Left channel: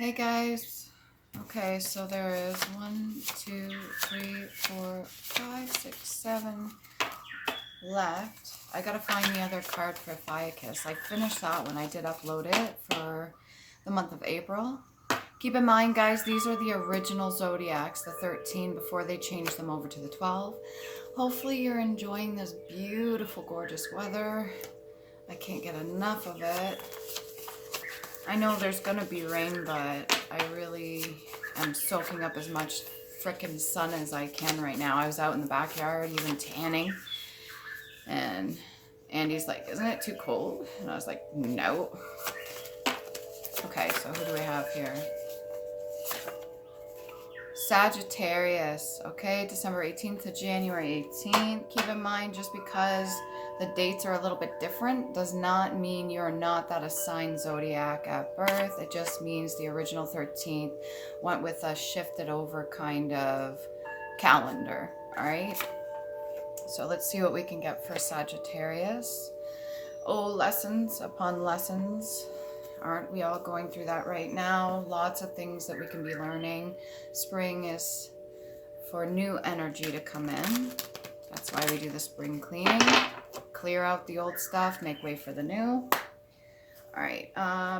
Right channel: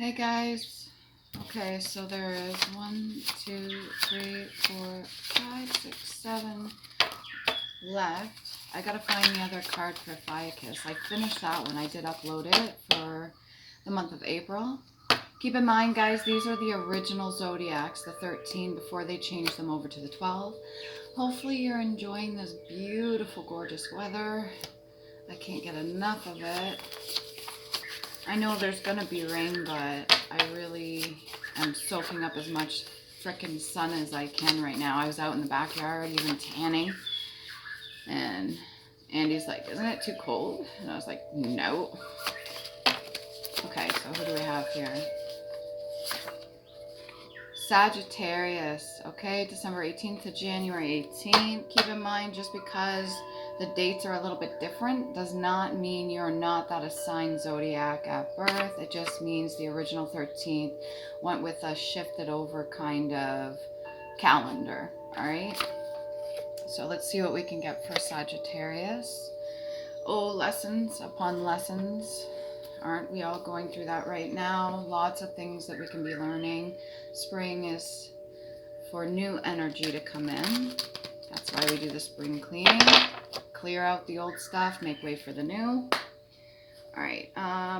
Hey guys. Okay, so there is 1, 2, 3, 4, 5, 6, 7 left. I gotta find the other card for Fiacus. I finished that one. I did upload it for the month of April. Keep in mind, guys, these are the original Zodiacs, the 13, before they changed them over to the 12. Hopefully you're enjoying this beautiful, gorgeous weather. I can't get enough of it. I know there's gonna be rain, but I really am soaking up as much frickin' sun as I can right now. I was out in the backyard, even tanning, and Andy's like, isn't it too cold? And I was like, no. Okay, so who do we have here? Sagittarius, okay, December 18th to January 18th. Keep in mind, just because the dates are a little bit different does not mean you're not that assigned zodiac at birth. It just means the original 13th went with a shifted over kind of calendar, all right? So let's see what we can get for Sagittarius. Oh, lessons upon lessons. Aren't we all going through that right now? Lots of things that we can be learning. Spring is for new energy to come in. That's why we do the spring cleaning. Clear out the old stuff, make way for the new. All right,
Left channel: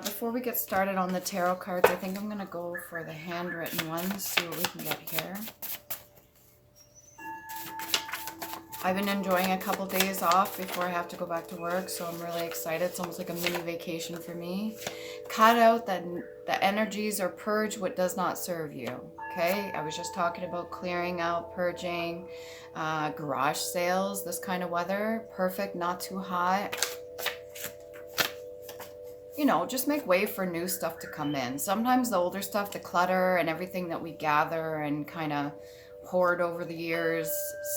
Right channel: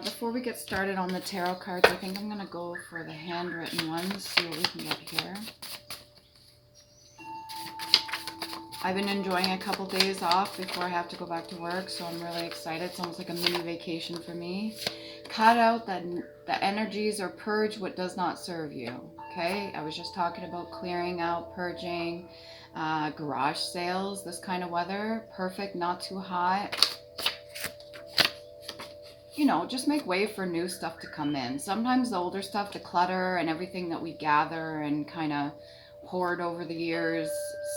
before we get started on the tarot cards, I think I'm gonna go for the handwritten ones, see what we can get here. I've been enjoying a couple days off before I have to go back to work, so I'm really excited. It's almost like a mini vacation for me. Cut out the energies or purge what does not serve you, okay? I was just talking about clearing out, purging, garage sales, this kind of weather. Perfect, not too hot. You know, just make way for new stuff to come in. Sometimes the older stuff, the clutter and everything that we gather and kind of hoard over the years,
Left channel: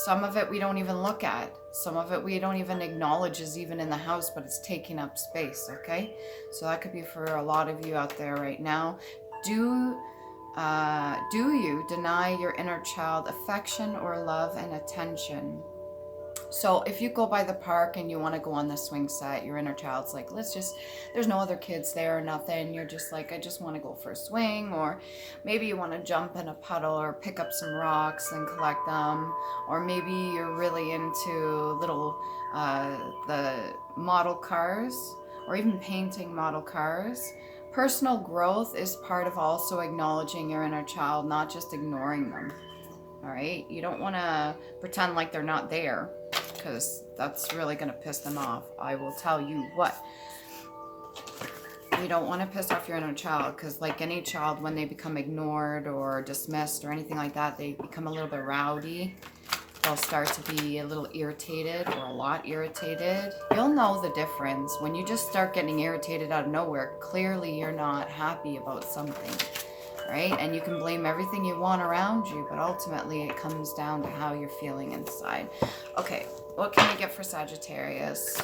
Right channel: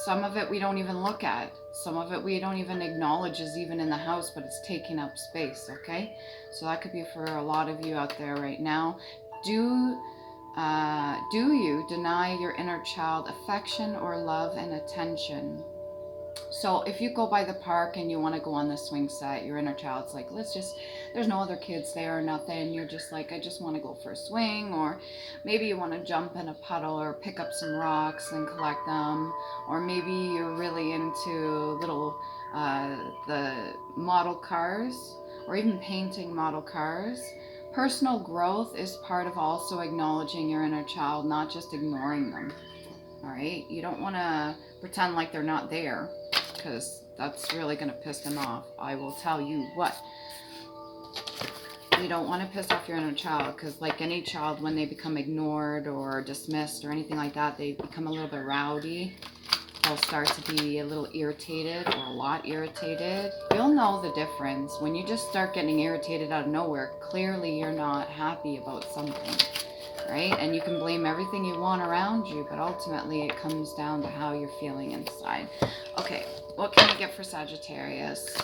some of it we don't even look at. Some of it we don't even acknowledge is even in the house, but it's taking up space, okay? So that could be for a lot of you out there right now. Do you deny your inner child affection or love and attention? So if you go by the park and you want to go on the swing set, your inner child's like, there's no other kids there or nothing. You're just like, I just want to go for a swing. Or maybe you want to jump in a puddle or pick up some rocks and collect them. Or maybe you're really into little, the model cars or even painting model cars. Personal growth is part of also acknowledging your inner child, not just ignoring them. All right? You don't want to pretend like they're not there, because that's really going to piss them off. I will tell you what. You don't want to piss off your inner child, because like any child, when they become ignored or dismissed or anything like that, they become a little bit rowdy. They'll start to be a little irritated or a lot irritated. You'll know the difference. When you just start getting irritated out of nowhere, clearly you're not happy about something. Right? And you can blame everything you want around you, but ultimately it comes down to how you're feeling inside. Okay, what can we get for Sagittarius?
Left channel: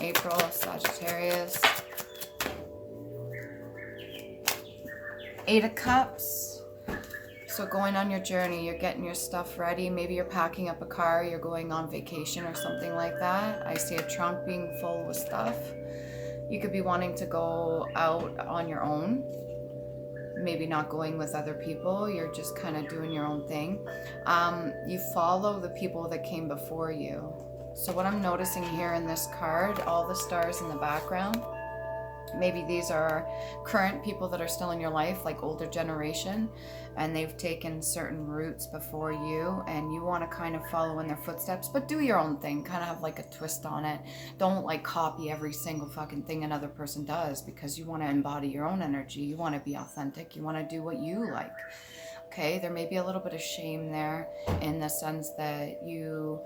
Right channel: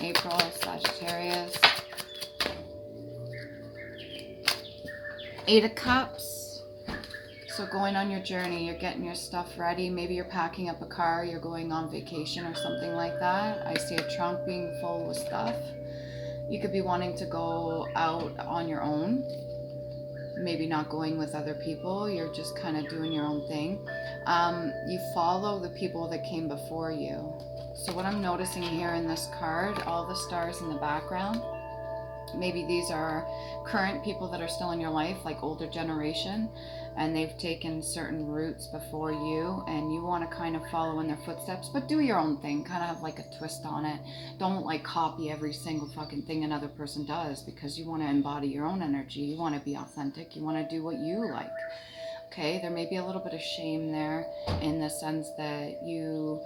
April, Sagittarius. 8 of Cups. So going on your journey, you're getting your stuff ready. Maybe you're packing up a car, you're going on vacation or something like that. I see a trunk being full with stuff. You could be wanting to go out on your own. Maybe not going with other people, you're just kind of doing your own thing. You follow the people that came before you. So what I'm noticing here in this card, all the stars in the background, maybe these are current people that are still in your life, like older generation, and they've taken certain routes before you, and you want to kind of follow in their footsteps, but do your own thing, kind of have like a twist on it. Don't like copy every single fucking thing another person does, because you want to embody your own energy. You want to be authentic. You want to do what you like. Okay, there may be a little bit of shame there in the sense that you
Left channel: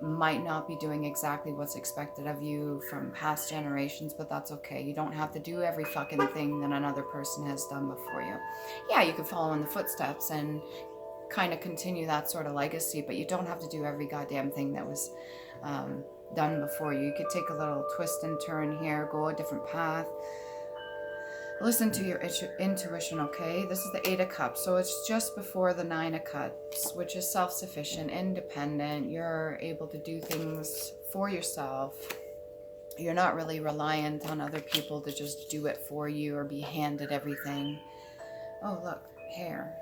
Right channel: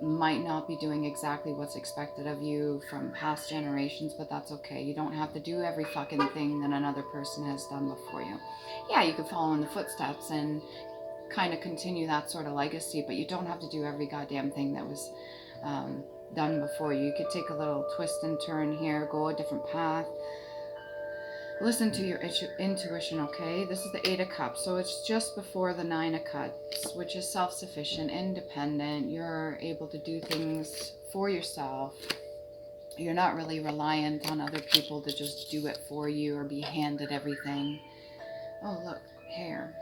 might not be doing exactly what's expected of you from past generations, but that's okay. You don't have to do every fucking thing that another person has done before you. Yeah, you could follow in the footsteps and kind of continue that sort of legacy, but you don't have to do every goddamn thing that was done before you. You could take a little twist and turn here, go a different path. Listen to your intuition, okay? This is the 8 of Cups, so it's just before the 9 of Cups, which is self-sufficient, independent. You're able to do things for yourself. You're not really reliant on other people to just do it for you or be handed everything. look, hair.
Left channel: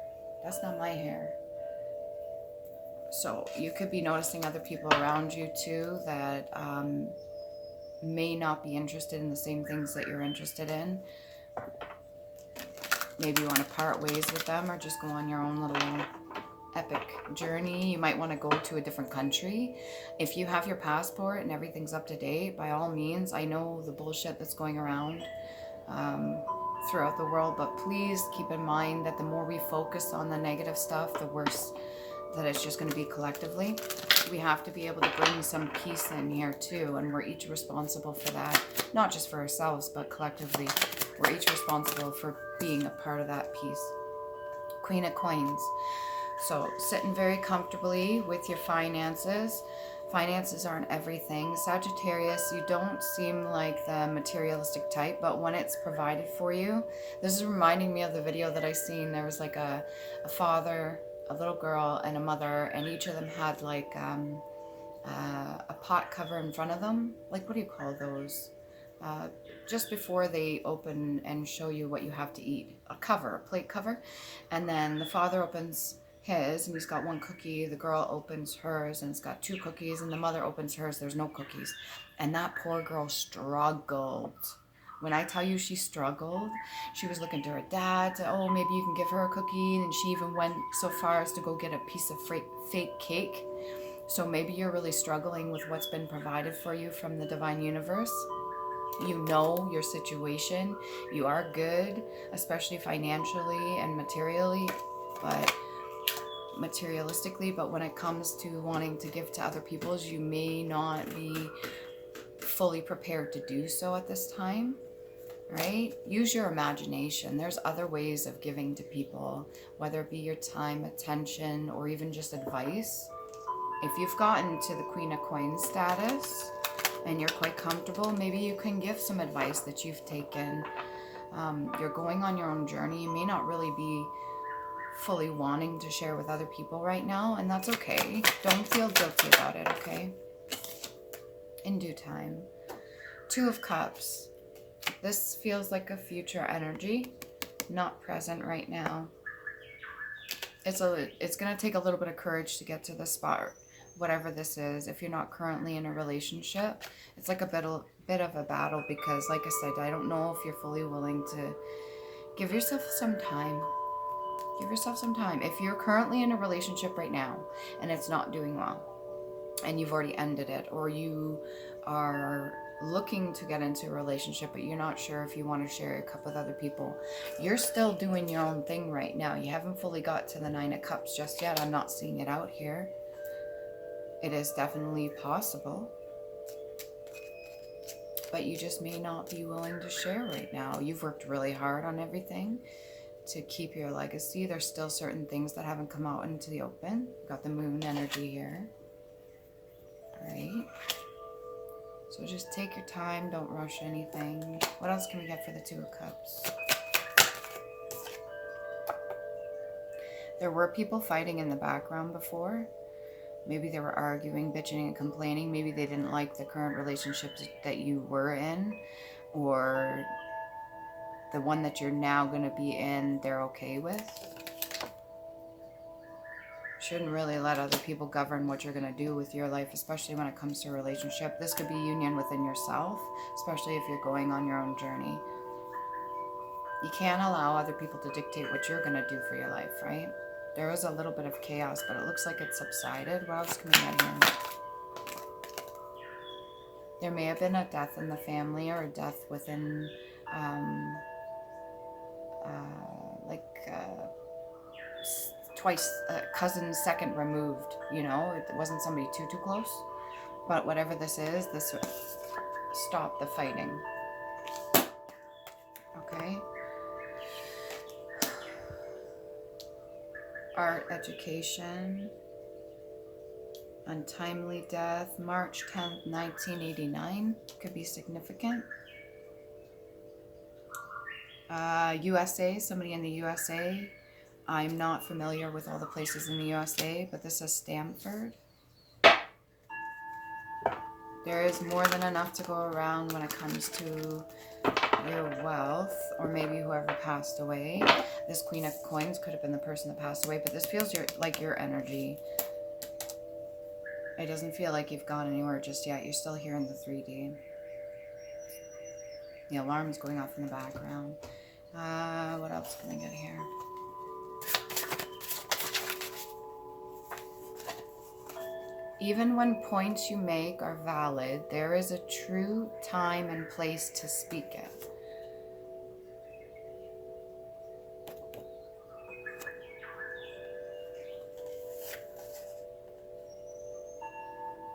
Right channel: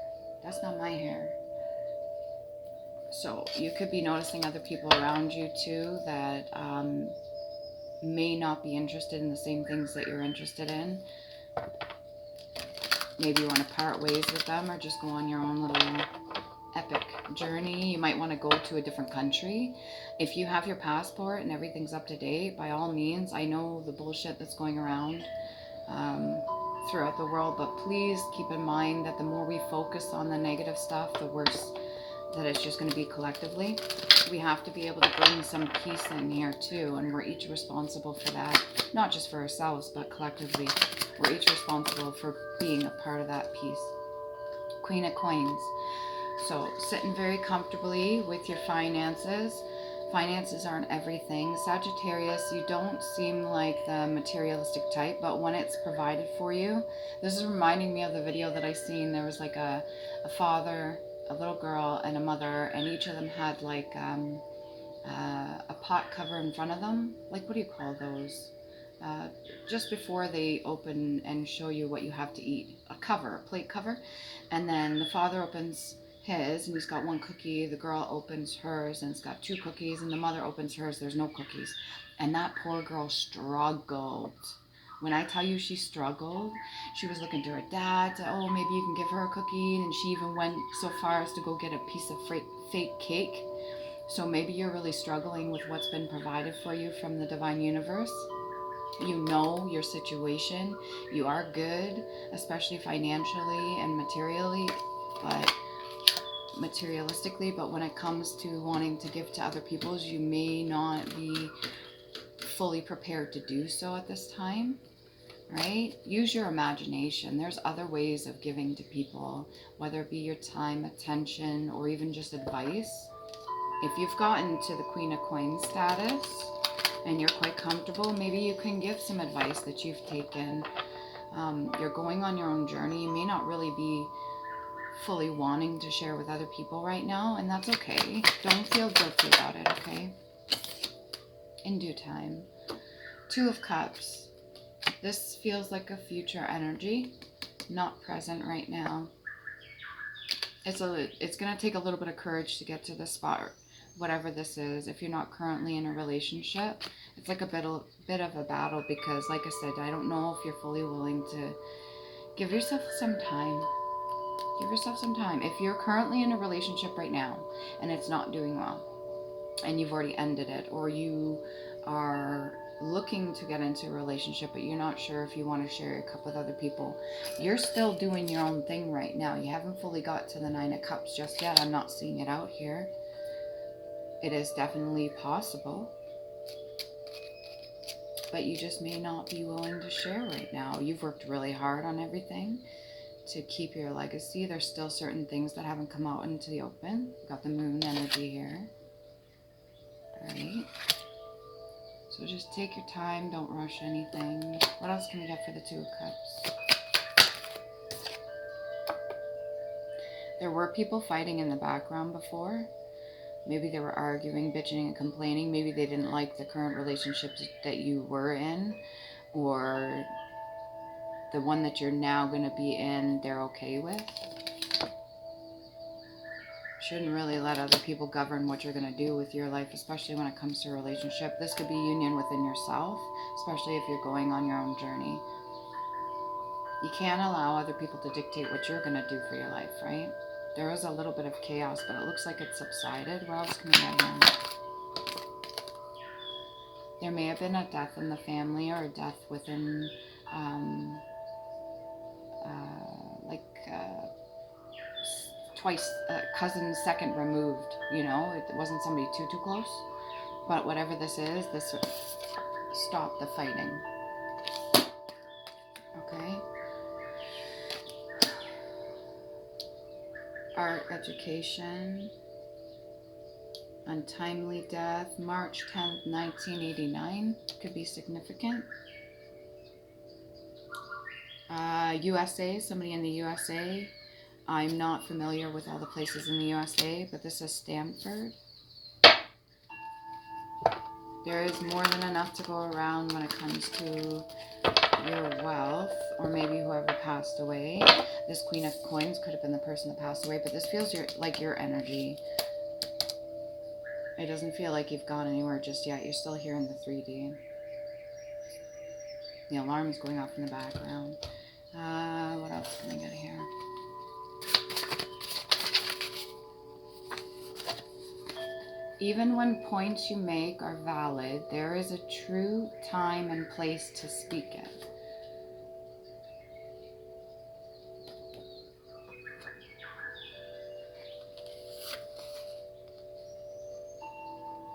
That's not my hair. So you could be noticing other people around you too that may not be interested in the same things that you're interested in. Maybe you want to part ways with them or just go on your own little epic journey. You might want to go to a different country. If you have your passport and everything's up to date, by all means. I know the bullshit that's going around throughout the world, but please keep in mind that the more we focus on the negative stuff, the worse that it's just going to be collectively. We have to be able to bring some peace in here too, and we're each responsible for that. Not just for ourselves, but collectively. We're each responsible for being a part of that peace. Queen of Coins. So sitting very comfortably with your finances. Finances aren't everything. Sagittarius, you don't seem like the materialistic type, but when it's provided for you, this is reminding me of the video that I seen. There was like a father, a little girl, and a mother, and each of them had like a pot cover in front of them. Like, what do you call those? Just before they open and show you what you have to eat. A cover, a plate cover. And then the father opens his, and he's got one cookie. The girl opens hers, and it's got 2 cookies. And the mother opens hers, there's no cookies. And that poor girl struggled. When I tell you she struggled, she was looking to her dad to, oh, maybe you can give her a cookie. And she even went so far as to go get a piece of fake cake. So maybe you're really struggling with what's been provided for you from the divine universe. You know your situation. You are good, especially financially and materially, but materialistically. But when it comes to wanting to give to other people, you may not be fully prepared to do so at this time, right? Use your imagination. There's other ways of giving to people, whether it be your time, attention, or even just advice. If you've gotten to the Queen of Coins status and you're quite comfortable, maybe you can give some advice that you've taken. You're going on your own journey. You may not really be fully wanting to share with other people right now, and that's okay. Don't feel guilty about it, okay? In due time. 2 of Cups. This feels like a future energy, not present right now. It's going to take a little bit of courage to get to this spot, whatever this is. If you're not currently in a relationship, it's like a bit of a battle, because like I said, I don't know if you're fully willing to give yourself some time. Give yourself some time. If you're currently in a relationship right now and it's not doing well, and you've already ended it, or you are looking to get into a relationship but you're not sure if you want to share your cup with other people, you're still doing your own thing right now. You haven't fully got to the 9 of Cups just yet. I'm not seeing it out here. It is definitely possible, but you just may not be willing to share right now. You've worked really hard on everything to keep your legacy. There's still certain things that haven't come out into the open. We've got the moon energy here. All right. So just take your time. Don't rush anything. What else can we get for the 2 of Cups? There were people fighting in the background before. Maybe they were arguing, bitching, and complaining. Maybe they didn't like the current relationships that you were in, or the one that you're now going to be in, they're okay with. Shouldn't really let other people govern what you're going to do with your life, especially when it comes to a relationship. This could be union within yourself, especially if you're going on your own journey. You can't allow other people to dictate what you're going to do for your life, right? There was a little bit of chaos, but it looks like it subsided. What else can we get here? There may have been a death in the family, or a death within, twice, cousin second removed, you know, it wasn't somebody too close. But whatever this is, this stopped the fighting. Okay. Art, education, untimely death, March 10th, 1989, could be significant. USA, somebody in the USA. I'm not familiar with all the places in the USA, but this is Stanford. There is more than enough to go around when it comes to your wealth, or maybe whoever passed away. This Queen of Coins could have been the person that passed away, but this feels like your energy. It doesn't feel like you've gone anywhere just yet. You're still here in the 3D. The alarm is going off in the background. What else can I get here? Even when points you make are valid, there is a true time and place to speak it.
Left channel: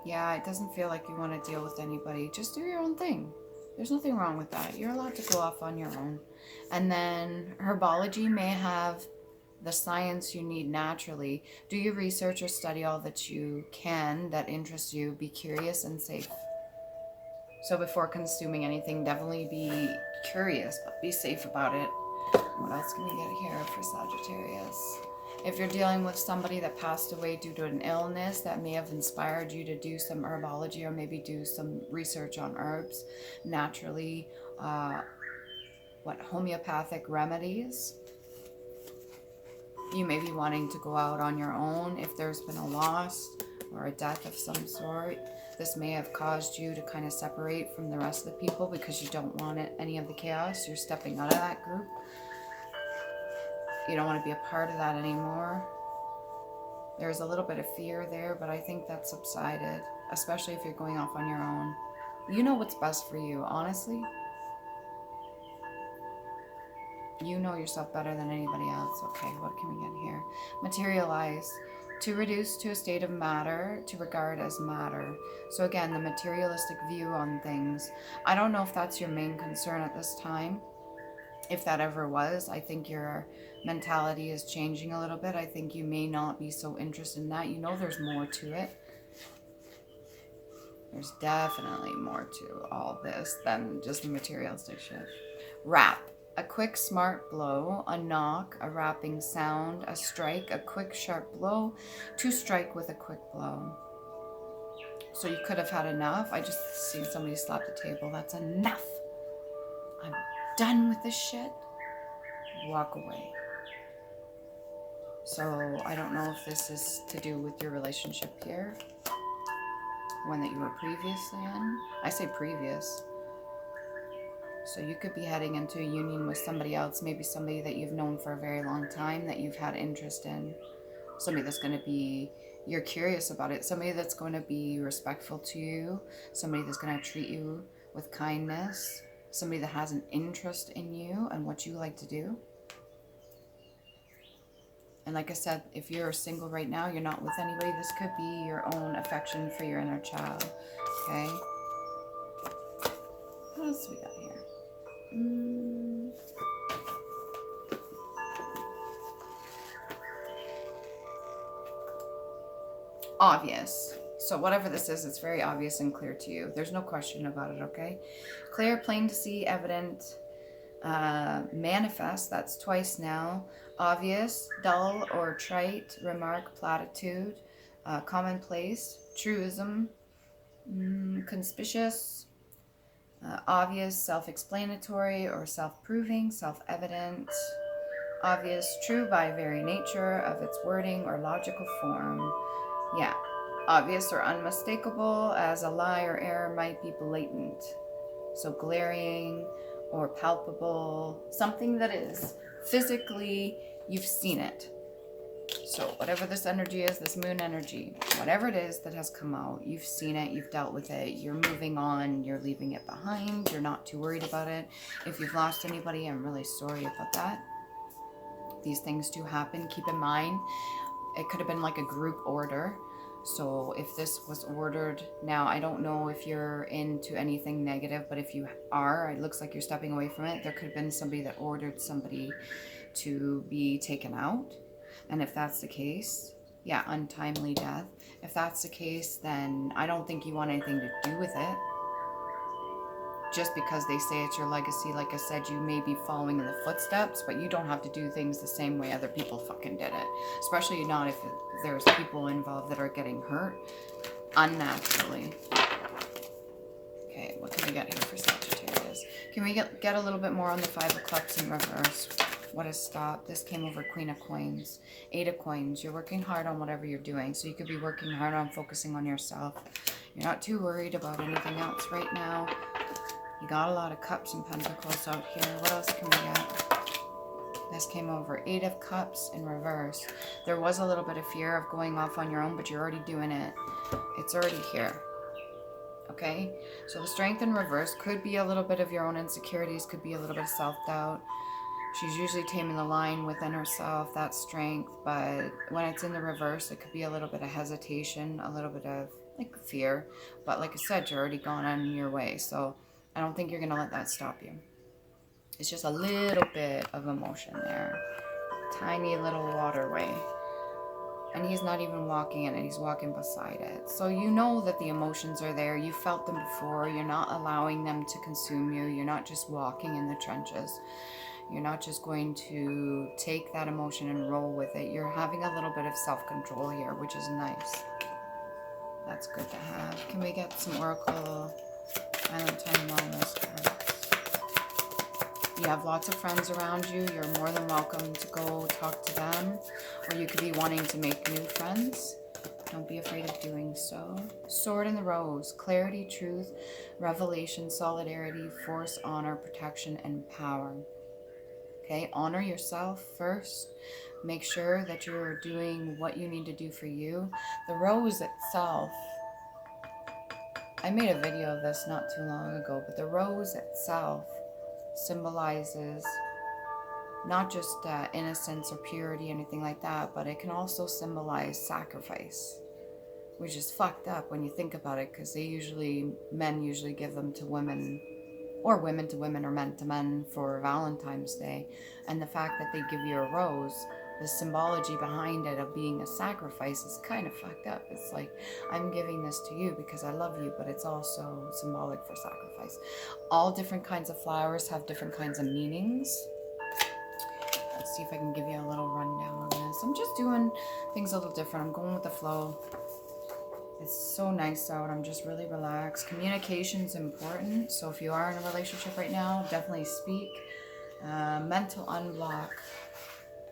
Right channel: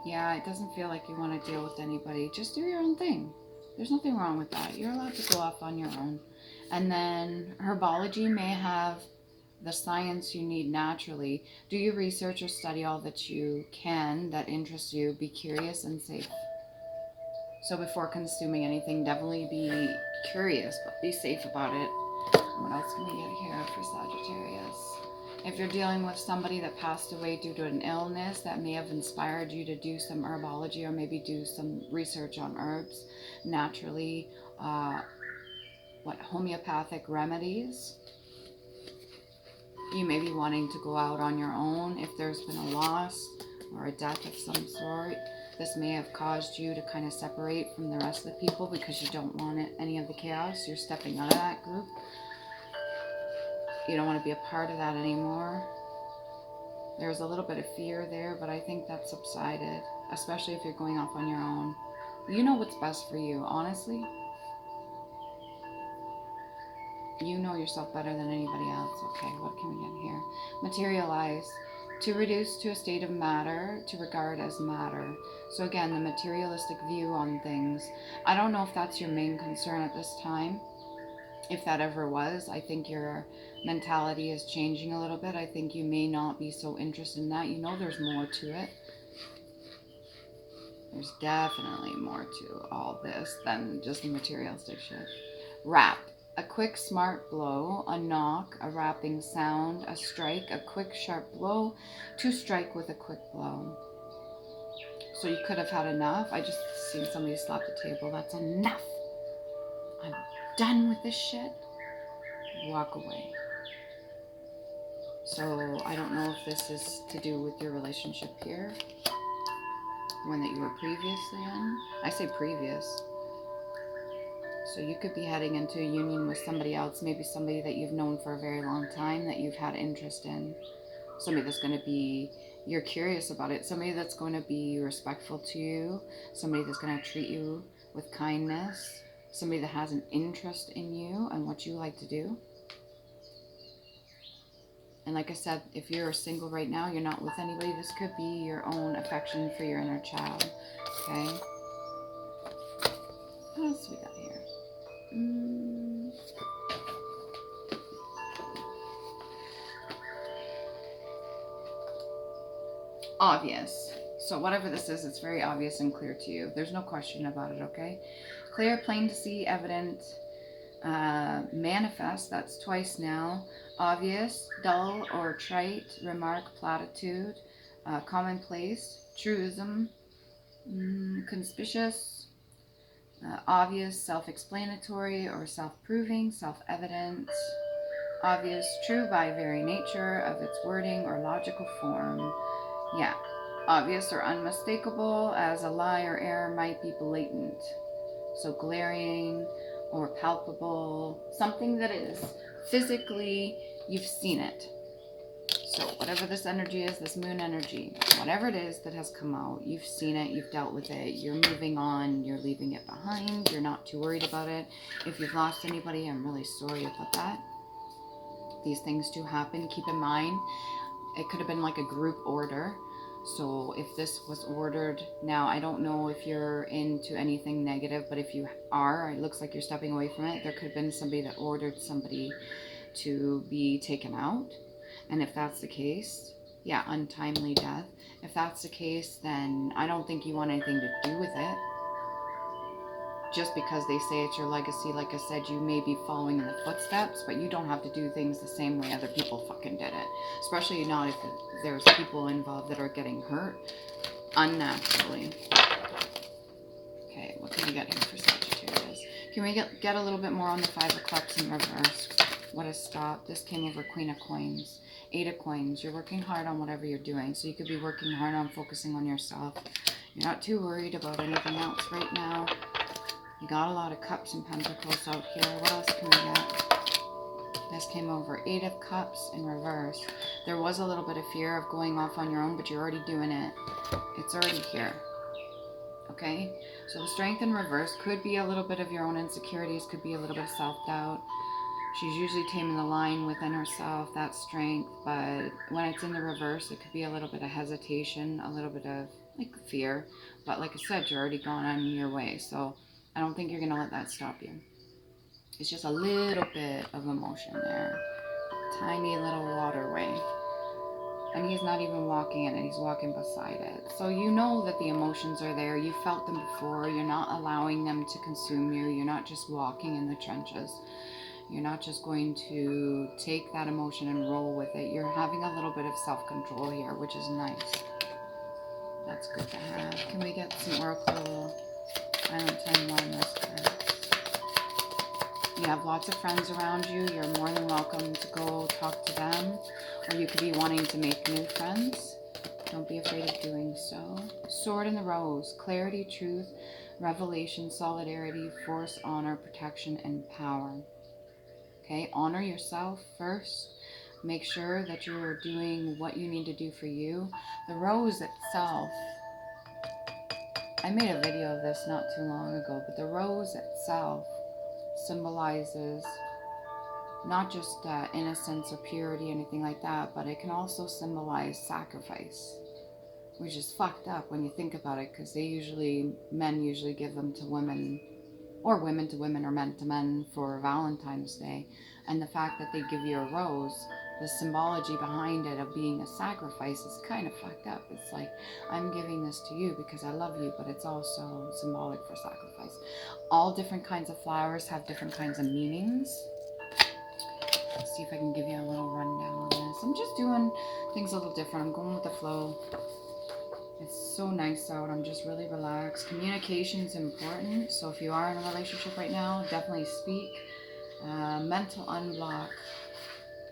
Yeah, it doesn't feel like you want to deal with anybody. Just do your own thing. There's nothing wrong with that. You're allowed to go off on your own. And then herbology may have the science you need naturally. Do your research or study all that you can that interests you. Be curious and safe. So before consuming anything, definitely be curious, but be safe about it. What else can we get here for Sagittarius? If you're dealing with somebody that passed away due to an illness, that may have inspired you to do some herbology or maybe do some research on herbs, naturally, homeopathic remedies. You may be wanting to go out on your own if there's been a loss or a death of some sort. This may have caused you to kind of separate from the rest of the people because you don't want any of the chaos. You're stepping out of that group. You don't want to be a part of that anymore. There's a little bit of fear there, but I think that's subsided, especially if you're going off on your own. You know what's best for you, honestly. You know yourself better than anybody else. Okay, what can we get here? Materialize. To reduce to a state of matter, to regard as matter. So again, the materialistic view on things. I don't know if that's your main concern at this time. If that ever was, I think your mentality is changing a little bit. I think you may not be so interested in that. You know there's more to it. There's definitely more to all this than just the materialistic shit. Rap. A quick smart blow, a knock, a rapping sound, a strike, a quick sharp blow, to strike with a quick blow. So you could have had enough. I just seen somebody slap the table. That's enough. I'm done with this shit. Walk away. So I don't know if this is to do with your relationship here, one that you were previously in. I say previous. So you could be heading into a union with somebody else, maybe somebody that you've known for a very long time that you've had interest in. Somebody that's going to be, you're curious about it. Somebody that's going to be respectful to you. Somebody that's going to treat you with kindness. Somebody that has an interest in you and what you like to do. And like I said, if you're single right now, you're not with anybody, this could be your own affection for your inner child. Okay? What else we got here? Obvious. So whatever this is, it's very obvious and clear to you. There's no question about it, okay? Clear, plain to see, evident, manifest, that's twice now. Obvious, dull or trite, remark, platitude, commonplace, truism, conspicuous, obvious, self-explanatory or self-proving, self-evident, obvious, true by very nature of its wording or logical form. Yeah, obvious or unmistakable, as a lie or error might be blatant. So glaring or palpable, something that is physically, you've seen it. So whatever this energy is, this moon energy, whatever it is that has come out, you've seen it, you've dealt with it, you're moving on, you're leaving it behind, you're not too worried about it. If you've lost anybody, I'm really sorry about that. These things do happen. Keep in mind, it could have been like a group order. So if this was ordered, now I don't know if you're into anything negative, but if you are, it looks like you're stepping away from it. There could have been somebody that ordered somebody to be taken out. And if that's the case, yeah, untimely death. If that's the case, then I don't think you want anything to do with it. Just because they say it's your legacy, like I said, you may be following in the footsteps, but you don't have to do things the same way other people fucking did it. Especially not if there's people involved that are getting hurt unnaturally. Okay, what can we get here for Sagittarius? Can we get a little bit more on the Five of Cups in reverse? What has stopped? This came over Queen of Coins. Eight of Coins. You're working hard on whatever you're doing. So you could be working hard on focusing on yourself. You're not too worried about anything else right now. You got a lot of Cups and Pentacles out here. What else can we get? This came over. Eight of Cups in reverse. There was a little bit of fear of going off on your own, but you're already doing it. It's already here. Okay? So the Strength in reverse could be a little bit of your own insecurities, could be a little bit of self-doubt. She's usually taming the line within herself, that strength, but when it's in the reverse, it could be a little bit of hesitation, a little bit of like fear. But like I said, you're already gone on your way, so I don't think you're going to let that stop you. It's just a little bit of emotion there. Tiny little waterway. And he's not even walking in it, he's walking beside it. So you know that the emotions are there. You felt them before. You're not allowing them to consume you. You're not just walking in the trenches. You're not just going to take that emotion and roll with it. You're having a little bit of self-control here, which is nice. That's good to have. Can we get some Oracle Island Time Wellness cards? You have lots of friends around you. You're more than welcome to go talk to them. Or you could be wanting to make new friends. Don't be afraid of doing so. Sword in the Rose. Clarity, truth, revelation, solidarity, force, honor, protection, and power. Okay, honor yourself first. Make sure that you're doing what you need to do for you. The rose itself, I made a video of this not too long ago, but the rose itself symbolizes not just innocence or purity, anything like that, but it can also symbolize sacrifice, which is fucked up when you think about it, because men usually give them to women, or women to women, or men to men for Valentine's Day. And the fact that they give you a rose, the symbology behind it of being a sacrifice is kind of fucked up. It's like, I'm giving this to you because I love you, but it's also symbolic for sacrifice. All different kinds of flowers have different kinds of meanings. Let's see if I can give you a little rundown on this. I'm just doing things a little different. I'm going with the flow. It's so nice out. I'm just really relaxed. Communication's important. So if you are in a relationship right now, definitely speak. Mental unblock.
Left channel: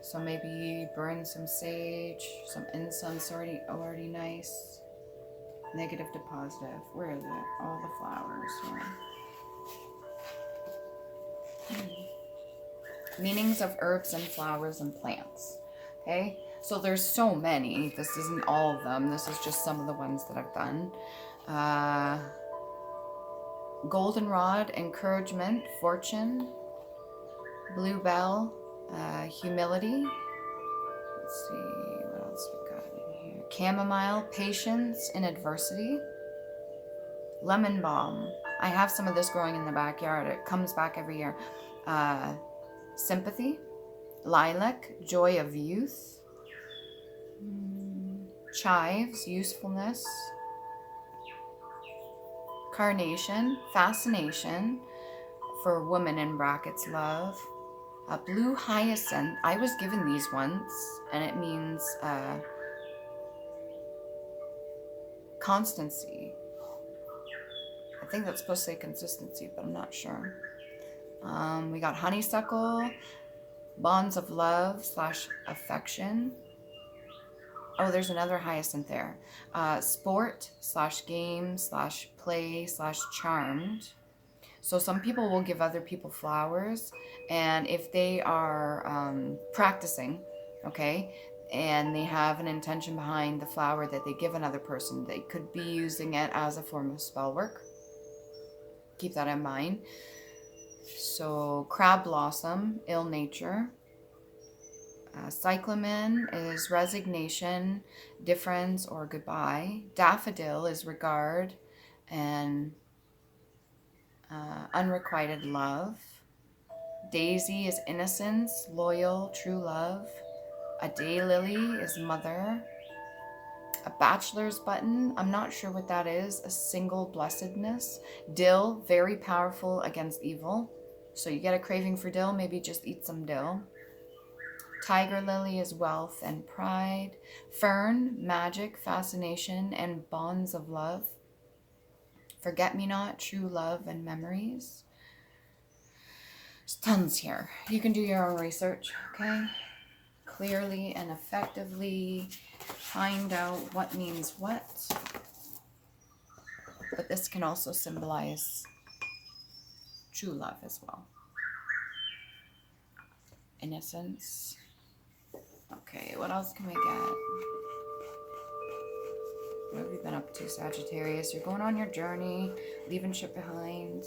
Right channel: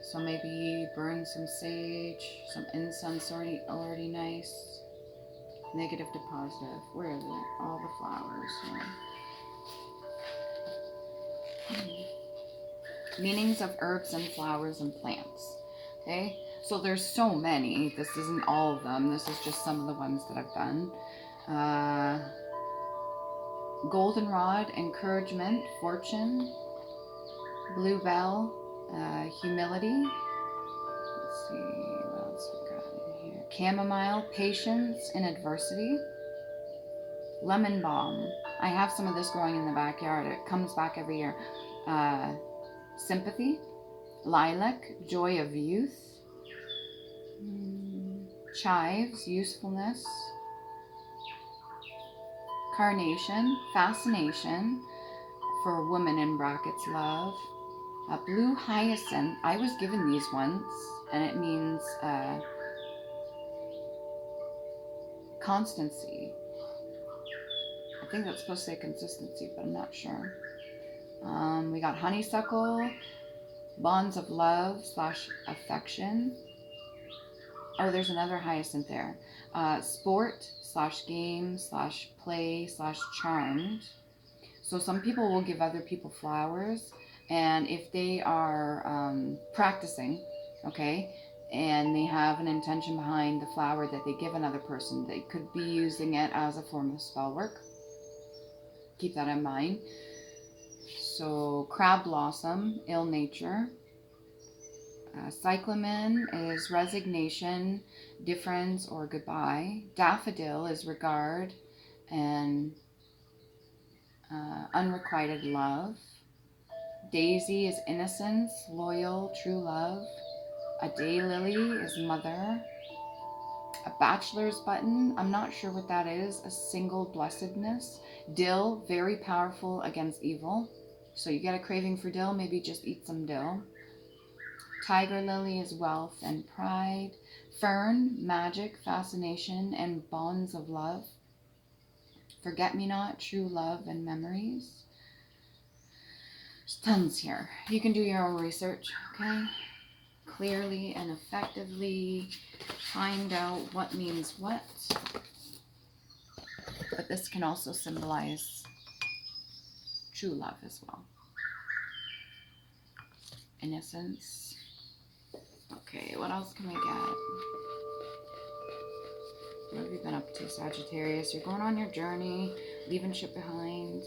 So maybe burn some sage, some incense, already nice. Negative to positive. Where is it? All the flowers. Yeah. Meanings of herbs and flowers and plants. Okay? So there's so many. This isn't all of them. This is just some of the ones that I've done. Goldenrod, encouragement, fortune. Bluebell, humility. Let's see what else we got in here. Chamomile, patience in adversity. Lemon balm. I have some of this growing in the backyard. It comes back every year. Sympathy. Lilac, joy of youth. Chives, usefulness. Carnation, fascination. For women in brackets, love. Blue hyacinth. I was given these once, and it means constancy. I think that's supposed to say consistency, but I'm not sure. We got honeysuckle, bonds of love / affection. Oh, there's another hyacinth there. Sport / game / play / charmed. So some people will give other people flowers, and if they are practicing, okay, and they have an intention behind the flower that they give another person, they could be using it as a form of spell work. Keep that in mind. So crab blossom, ill nature. Cyclamen is resignation, difference, or goodbye. Daffodil is regard and unrequited love. Daisy is innocence, loyal, true love. A daylily is mother. A bachelor's button, I'm not sure what that is. A single blessedness. Dill, very powerful against evil. So you get a craving for dill, maybe just eat some dill. Tiger lily is wealth and pride. Fern, magic, fascination, and bonds of love. forget-me-not, true love, and memories. There's tons here. You can do your own research, okay? Clearly and effectively find out what means what. But this can also symbolize true love as well. Innocence. Okay, what else can we get? What have you been up to, Sagittarius? You're going on your journey, leaving shit behind.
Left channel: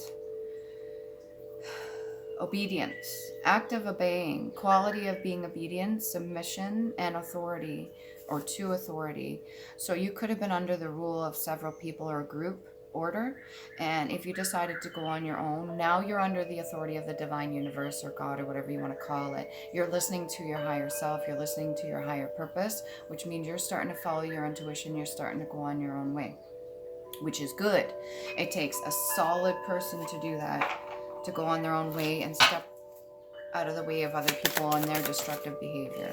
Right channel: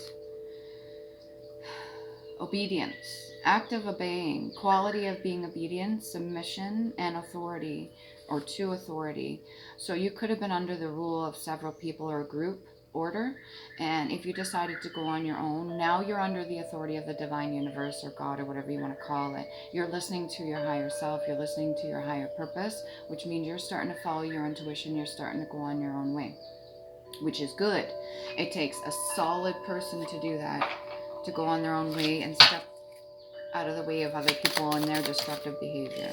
Obedience, act of obeying, quality of being obedient, submission, and authority, or to authority. So you could have been under the rule of several people or a group order, and if you decided to go on your own, now you're under the authority of the divine universe or God or whatever you want to call it. You're listening to your higher self, you're listening to your higher purpose, which means you're starting to follow your intuition, you're starting to go on your own way, which is good. It takes a solid person to do that, to go on their own way and step out of the way of other people and their destructive behavior.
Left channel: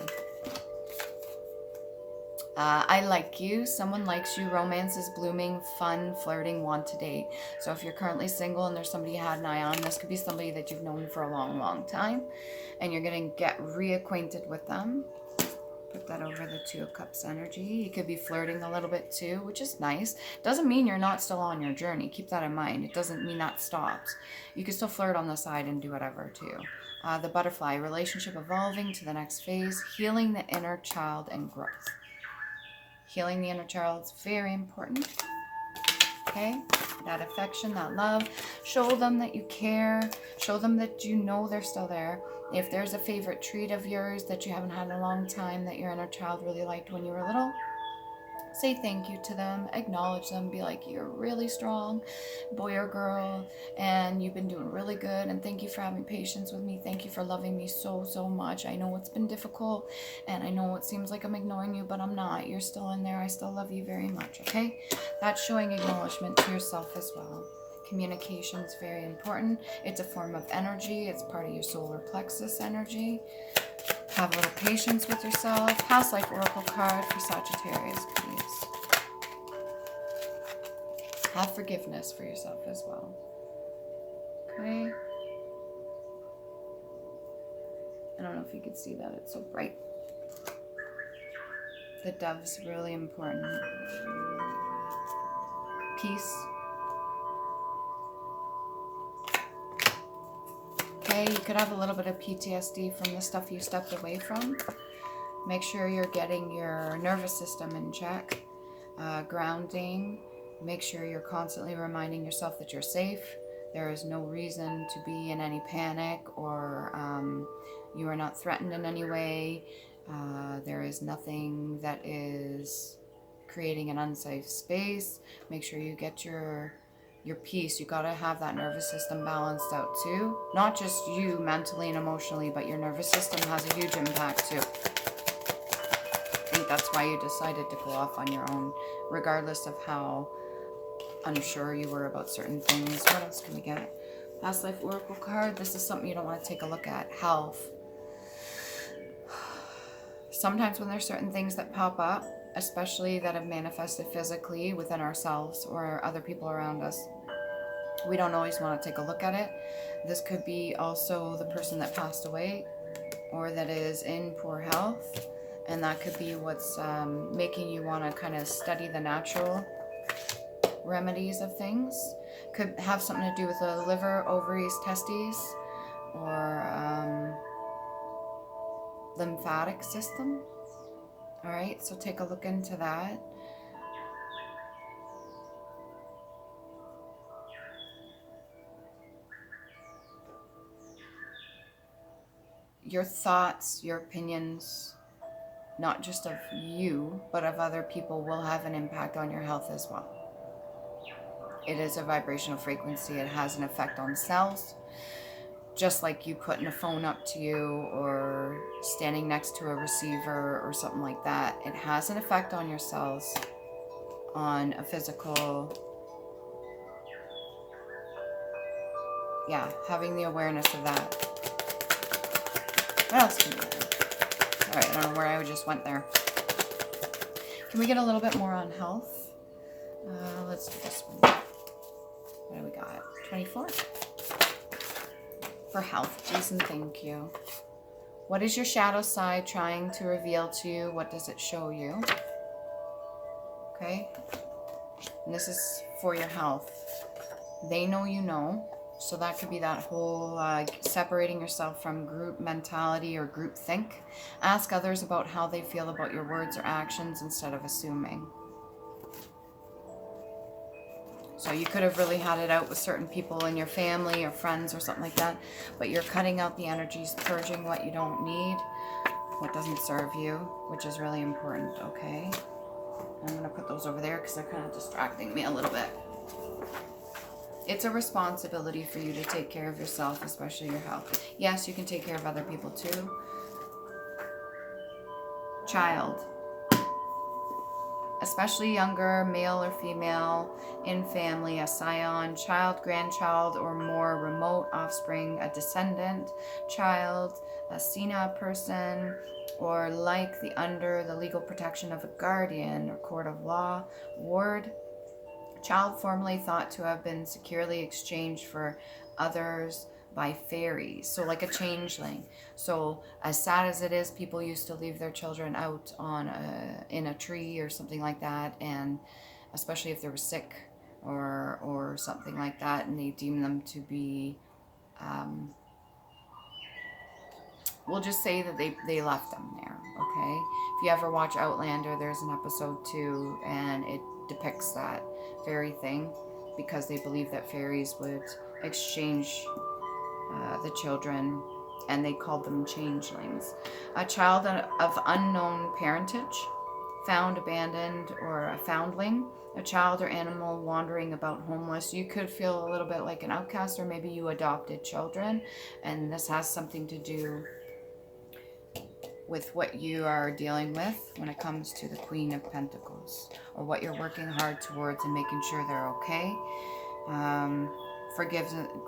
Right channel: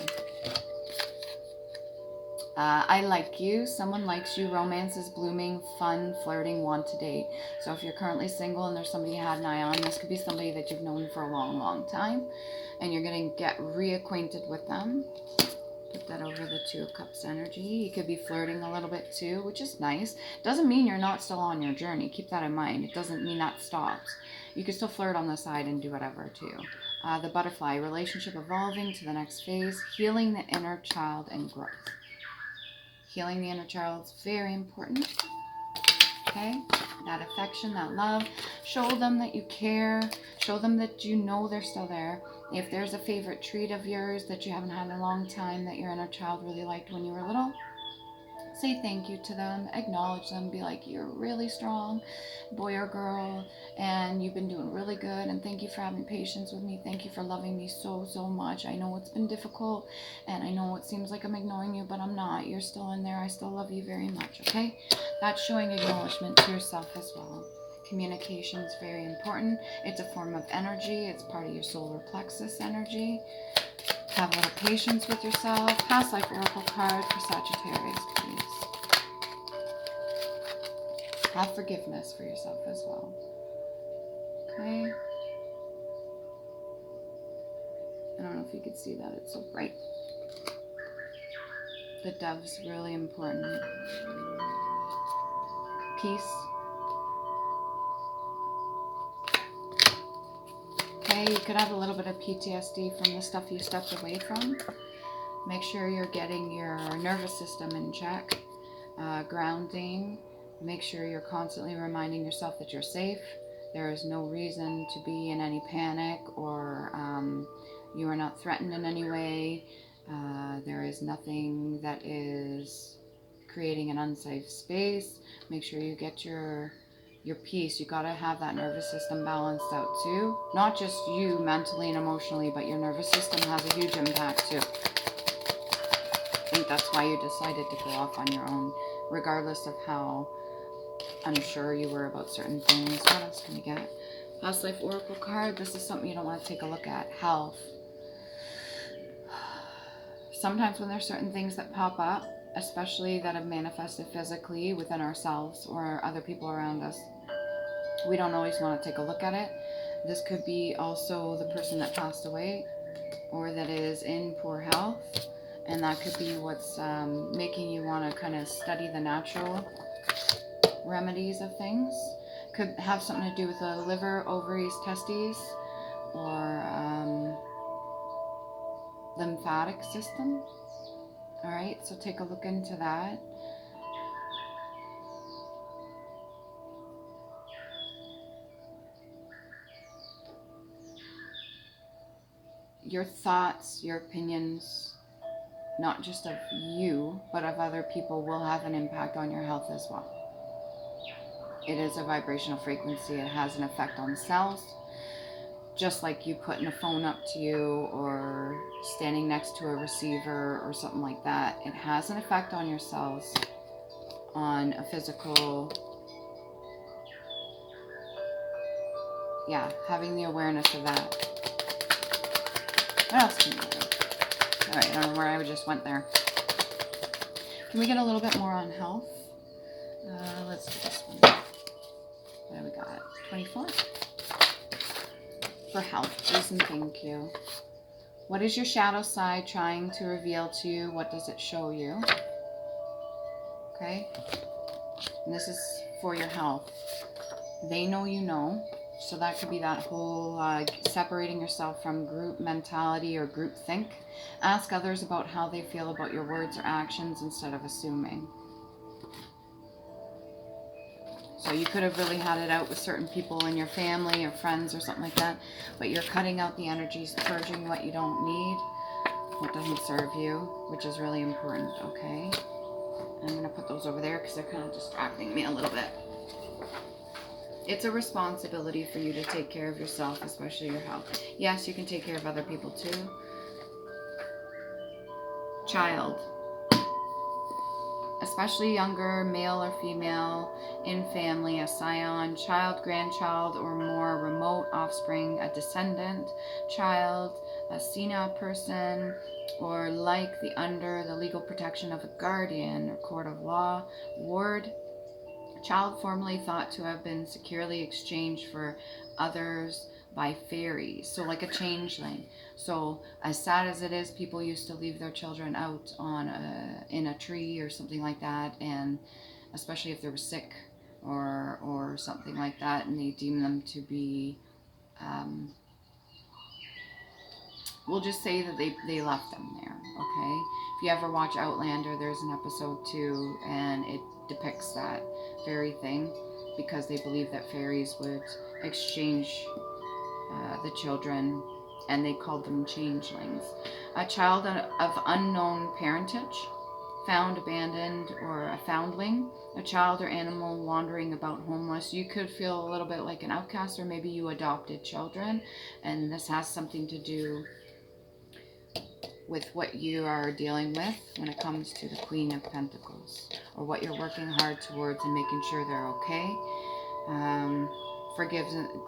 I like you. Someone likes you. Romance is blooming, fun, flirting, want to date. So if you're currently single and there's somebody you had an eye on, this could be somebody that you've known for a long, long time. And you're going to get reacquainted with them. Put that over the Two of Cups energy. You could be flirting a little bit too, which is nice. Doesn't mean you're not still on your journey. Keep that in mind. It doesn't mean that stops. You can still flirt on the side and do whatever too. The butterfly, relationship evolving to the next phase, healing the inner child and growth. Healing the inner child is very important. Okay? That affection, that love. Show them that you care. Show them that you know they're still there. If there's a favorite treat of yours that you haven't had in a long time that your inner child really liked when you were little, say thank you to them, acknowledge them, be like, you're really strong, boy or girl, and you've been doing really good, and thank you for having patience with me, thank you for loving me so, so much. I know it's been difficult, and I know it seems like I'm ignoring you, but I'm not. You're still in there. I still love you very much, okay? That's showing acknowledgement to yourself as well. Communication is very important. It's a form of energy. It's part of your solar plexus energy. Have a little patience with yourself. Past life oracle card for Sagittarius, please. Have forgiveness for yourself as well. Okay. I don't know if you could see that. It's so bright. The dove's really important. Peace. Okay, you could have a little bit of PTSD from the stuff you stepped away from. Make sure you're getting your nervous system in check. Grounding. Make sure you're constantly reminding yourself that you're safe. There is no reason to be in any panic, or you are not threatened in any way. There is nothing that is creating an unsafe space. Make sure you get your peace. You got to have that nervous system balanced out too. Not just you mentally and emotionally, but your nervous system has a huge impact too. I think that's why you decided to go off on your own, regardless of how unsure you were about certain things. What else can we get? Past life oracle card. This is something you don't want to take a look at. Health. Sometimes when there's certain things that pop up, especially that have manifested physically within ourselves or other people around us, we don't always want to take a look at it. This could be also the person that passed away or that is in poor health, and that could be what's making you want to kind of study the natural remedies of things. Could have something to do with the liver, ovaries, testes, or lymphatic system. All right, so take a look into that. Your thoughts, your opinions, not just of you, but of other people, will have an impact on your health as well. It is a vibrational frequency. It has an effect on cells. Just like you putting a phone up to you or standing next to a receiver or something like that, it has an effect on your cells, on a physical, having the awareness of that. What else can we do? All right, I don't know where I just went there. Can we get a little bit more on health? Let's do this one. What do we got? 24. For health, please and thank you. What is your shadow side trying to reveal to you? What does it show you? Okay. And this is for your health. They know you know. So that could be that whole separating yourself from group mentality or group think. Ask others about how they feel about your words or actions instead of assuming. So you could have really had it out with certain people in your family or friends or something like that, but you're cutting out the energies, purging what you don't need, what doesn't serve you, which is really important, okay? I'm going to put those over there because they're kind of distracting me a little bit. It's a responsibility for you to take care of yourself, especially your health. Yes, you can take care of other people too. Child. Especially younger, male or female, in family, a scion, child, grandchild, or more remote offspring, a descendant, child, a senile person, or like under the legal protection of a guardian or court of law, ward, child formerly thought to have been securely exchanged for others by fairies, so like a changeling. So as sad as it is, people used to leave their children out on in a tree or something like that, and especially if they were sick or something like that, and they deem them to be we'll just say that they left them there, okay? If you ever watch Outlander, there's an episode 2, and it depicts that very thing, because they believe that fairies would exchange the children, and they called them changelings. A child of unknown parentage, found abandoned, or a foundling, a child or animal wandering about homeless. You could feel a little bit like an outcast, or maybe you adopted children, and this has something to do with what you are dealing with when it comes to the Queen of Pentacles, or what you're working hard towards and making sure they're okay.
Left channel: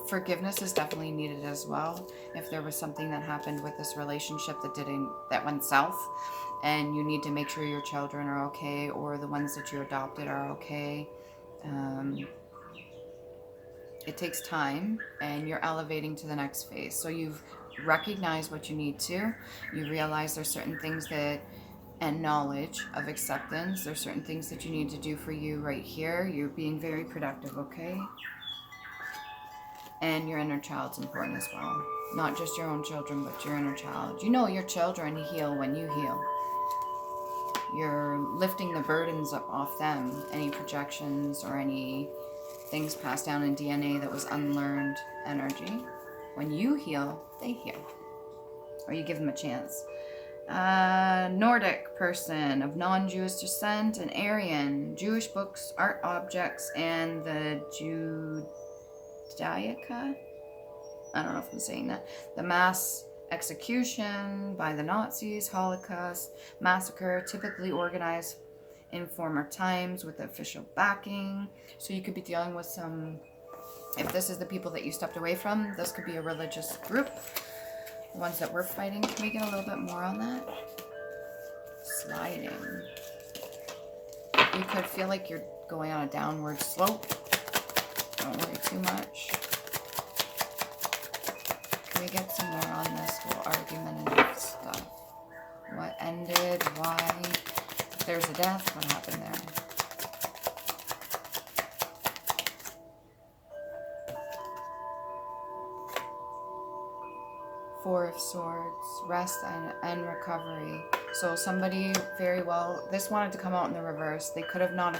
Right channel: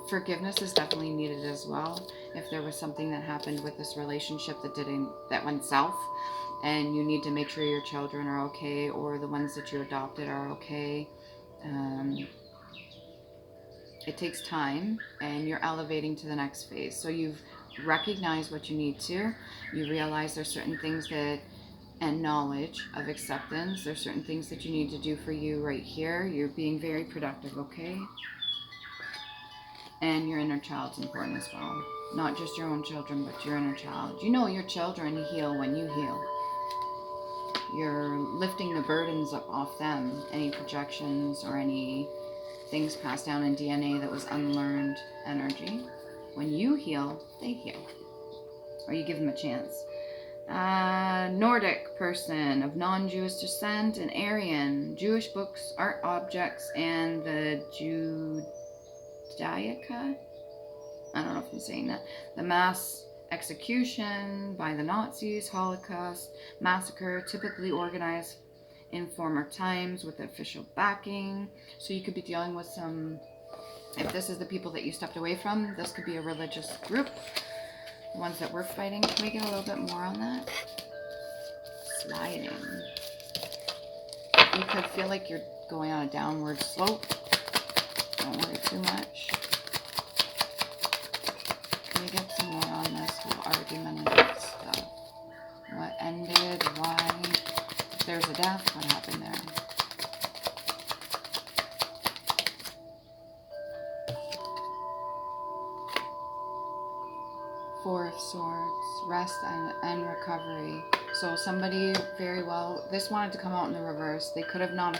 Forgiveness is definitely needed as well. If there was something that happened with this relationship that went south, and you need to make sure your children are okay, or the ones that you adopted are okay. It takes time, and you're elevating to the next phase. So you've recognized what you need to. You realize there's certain things and knowledge of acceptance. There's certain things that you need to do for you right here. You're being very productive, okay? And your inner child's important as well. Not just your own children, but your inner child. You know your children heal when you heal. You're lifting the burdens up off them. Any projections or any things passed down in DNA that was unlearned energy. When you heal, they heal. Or you give them a chance. Nordic person of non-Jewish descent, an Aryan, Jewish books, art objects, and the Judaica? I don't know if I'm saying that. The mass execution by the Nazis, Holocaust, massacre, typically organized in former times with official backing. So you could be dealing with some, if this is the people that you stepped away from, this could be a religious group. The ones that we're fighting. Can we get a little bit more on that? Sliding. You could feel like you're going on a downward slope. Don't worry too much. Can we get some more on this whole argument and stuff? What ended? Why? If there's a death, what happened there? Four of Swords, rest and recovery. So somebody very well, this wanted to come out in the reverse. They could have not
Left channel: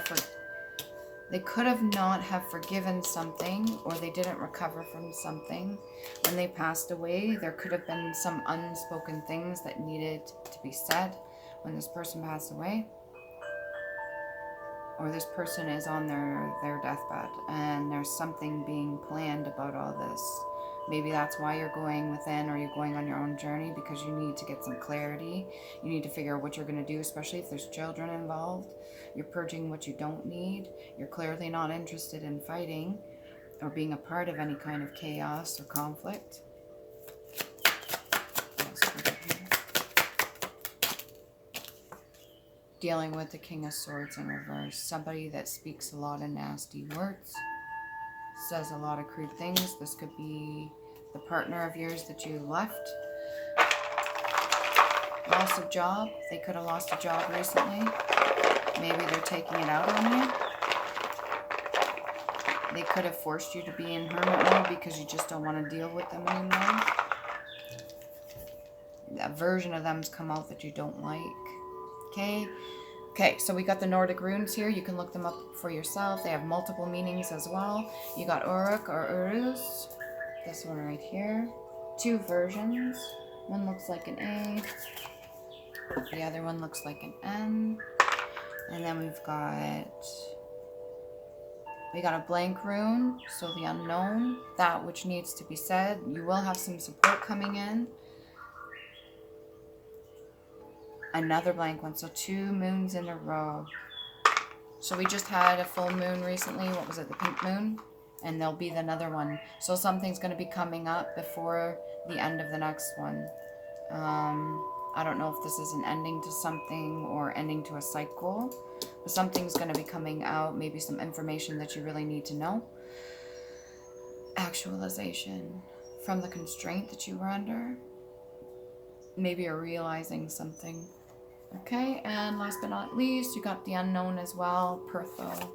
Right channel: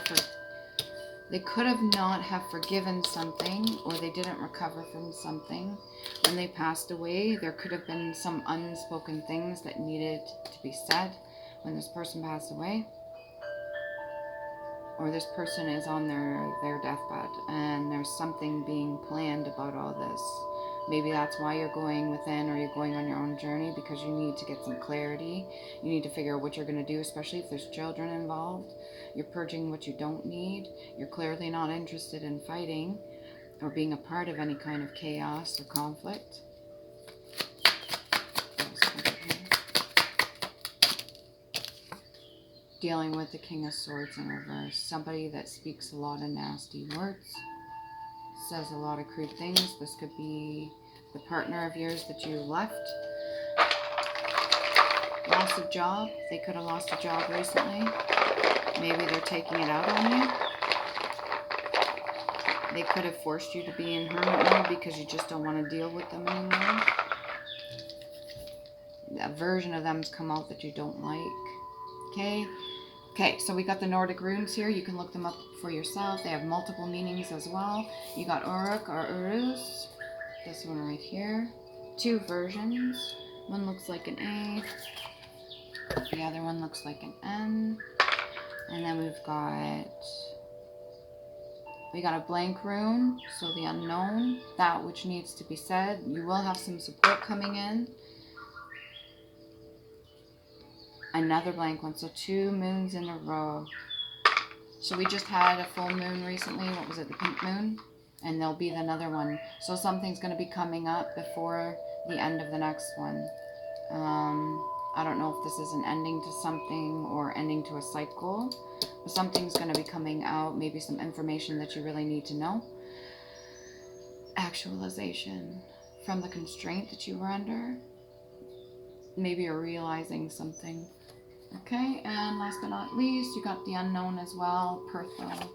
have forgiven something, or they didn't recover from something. When they passed away, there could have been some unspoken things that needed to be said when this person passed away. Or this person is on their deathbed, and there's something being planned about all this. Maybe that's why you're going within, or you're going on your own journey, because you need to get some clarity. You need to figure out what you're going to do, especially if there's children involved. You're purging what you don't need. You're clearly not interested in fighting or being a part of any kind of chaos or conflict. Dealing with the King of Swords in reverse. Somebody that speaks a lot of nasty words. says a lot of crude things. This could be the partner of yours that you left. Loss of job. They could have lost a job recently. Maybe they're taking it out on you. They could have forced you to be in hermit mode because you just don't want to deal with them anymore. A version of them's come out that you don't like. Okay. Okay, so we got the Nordic runes here. You can look them up for yourself. They have multiple meanings as well. You got Uruk or Urus. This one right here. 2 versions. One looks like an A. The other one looks like an N. And then we got a blank rune, so the unknown, that which needs to be said. You will have some support coming in. Another blank one, so 2 moons in a row. So we just had a full moon recently. What was it, the pink moon? And there'll be another one. So something's going to be coming up before the end of the next one. I don't know if this is an ending to something or ending to a cycle, but something's going to be coming out. Maybe some information that you really need to know. Actualization from the constraint that you were under. Maybe you're realizing something. Okay, and last but not least, you got the unknown as well, Pertho.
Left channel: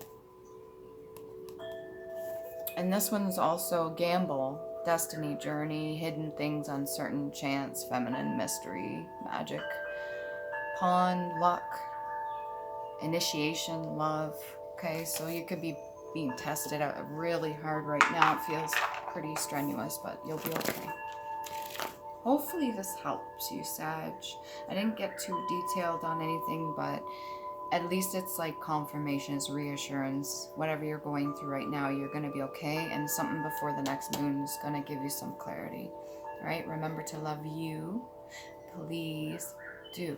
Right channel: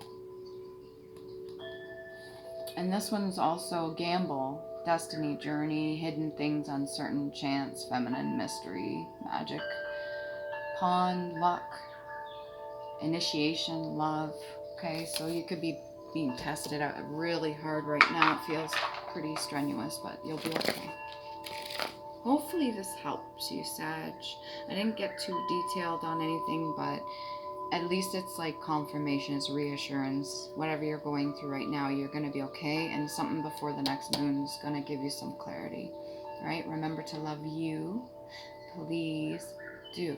And this one's also gamble, destiny, journey, hidden things, uncertain, chance, feminine, mystery, magic, pawn, luck, initiation, love. Okay, so you could be being tested out really hard right now. It feels pretty strenuous, but you'll be okay. Hopefully this helps you, Sag. I didn't get too detailed on anything, but at least it's like confirmation, it's reassurance. Whatever you're going through right now, you're going to be okay, and something before the next moon is going to give you some clarity. All right, remember to love you. Please do.